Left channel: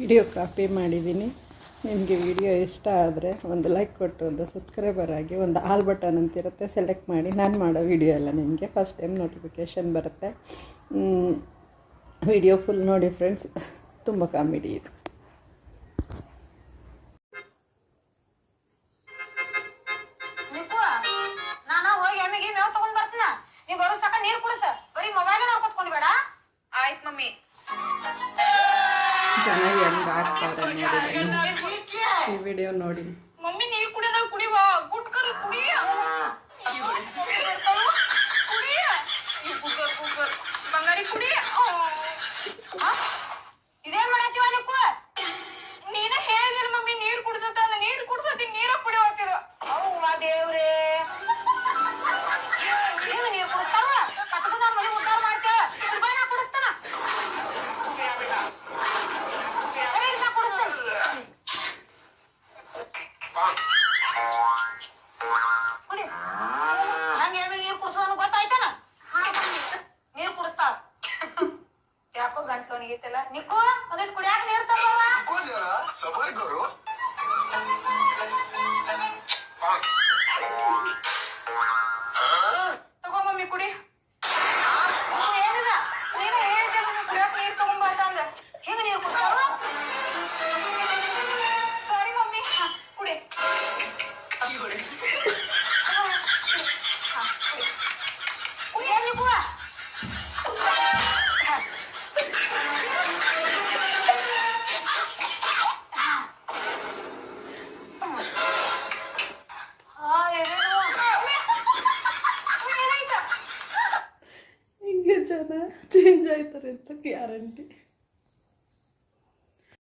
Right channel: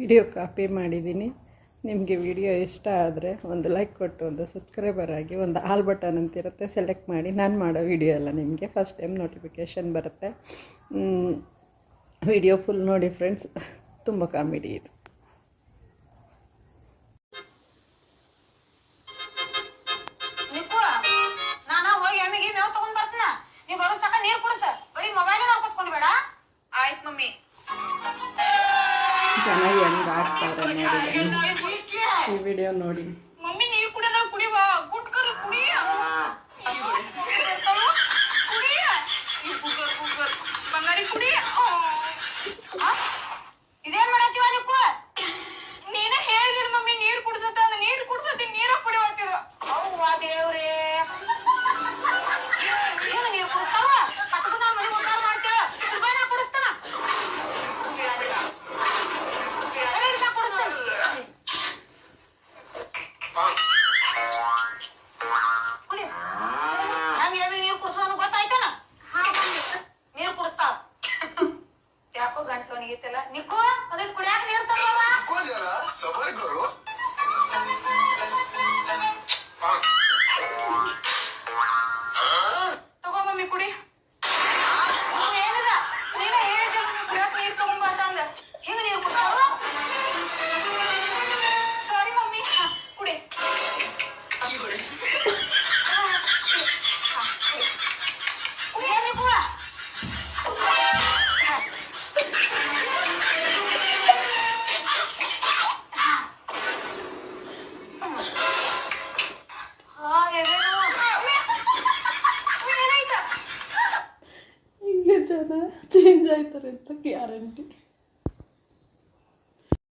Video copy ಮಾಡಿದ್ದೀನಿ. ನಿಮಗೆ video ಇಷ್ಟ ಆದರೆ ಒಂದು ಲೈಕ್ ಕೊಟ್ಟು ಒಂದು ಸಬ್ಸ್ಕ್ರೈಬರ್ ಆಗಿ, ಒಂದು ಆಲ್ ಬಟನ್ ಅಂತಿರುತ್ತೆ ಸೆಲೆಕ್ಟ್ ಮಾಡಿ. ನಾನು ಮಾಡೋ ವಿಡಿಯೋ ಎಲ್ಲ ನಿಮಗೆ ಫಸ್ಟ್ ಟೈಮ್ ನೋಟಿಫಿಕೇಷನ್ ಬರುತ್ತೆ. ವಿಡಿಯೋ ಫುಲ್ ನೋಡಿ ಫ್ರೆಂಡ್ಸ್, ತುಂಬ ಕಾಮಿಡಿ ಇದೆ. ಜನ ಹೆಂಗ್ ಆಡ್ತಾವ್ರೆ ನೋಡಿ ಬನ್ನಿ, ಈ ವಿಡಿಯೋ ನೋಡಿ. ಇದೇನ್ ಮಾಡತ್ತೀವ ನೀನ ಹೇಳಿದಿರ ಮಮ್ಮಿ, ನೀರ್ ಕುಡ್ಸತ್ತ ನೀರ್ ಕುಡ್ಸತಿ ನೀರ ಕುಡಿಯೋತಿವ. ಅವ್ವ ದೇವ್ರೇ, ಏನು ನೀರ್ ಕುಡಿಸ್ತಾವ? ಪಕ್ಕದ ಮನೆ ಉದ್ದಾರ ಮಾಡ್ತೇವ, ಕುಡ್ಬಾನ ಕುಡಿಸ್ತಾನ. ಸರಿ ನಾ ಕುಡಿಸ್ತೇನೆ. ಕುಡಿ, ಹಂಗೇನು ನೀರ್ ಕುಡ್ಸೋನು ಗೊತ್ತಾಯ್ತೇನ? ನೀರ್ ಕುಡಿಸ್ತಾವ. ಯಾಕೋ ಗಂಟ್ಲು ಒಣಗಿತ್ತಲ್ಲ ನಿಕ್ಕು, ಅದಕ್ಕೆ ಕುಡಿಯಾಕ ನೀರ್ ತರವ. ತಗೋ ಮಮ್ಮಿ ಕುಡಿ. ಏನಿದ ನೀನ ಹೇಳಿದ ಕುಡಿಯಾಕ ನೀರ್ ತಗೊಂಬ ಅಂತಂದ, ಹಿಂಗ ನೀರ್ ಕುಡ್ತಾವ. ಸಾರಿ ಮಮ್ಮಿ, ಕುಡಿ. ಕುಡಿಯ ನಿಕ್ಕು. ಹಿಂಗೆ ಜನ ಚೇಂಜ್ ಆಯ್ತಾರೆ ಅಂತ ಗ್ಯಾರಂಟಿ.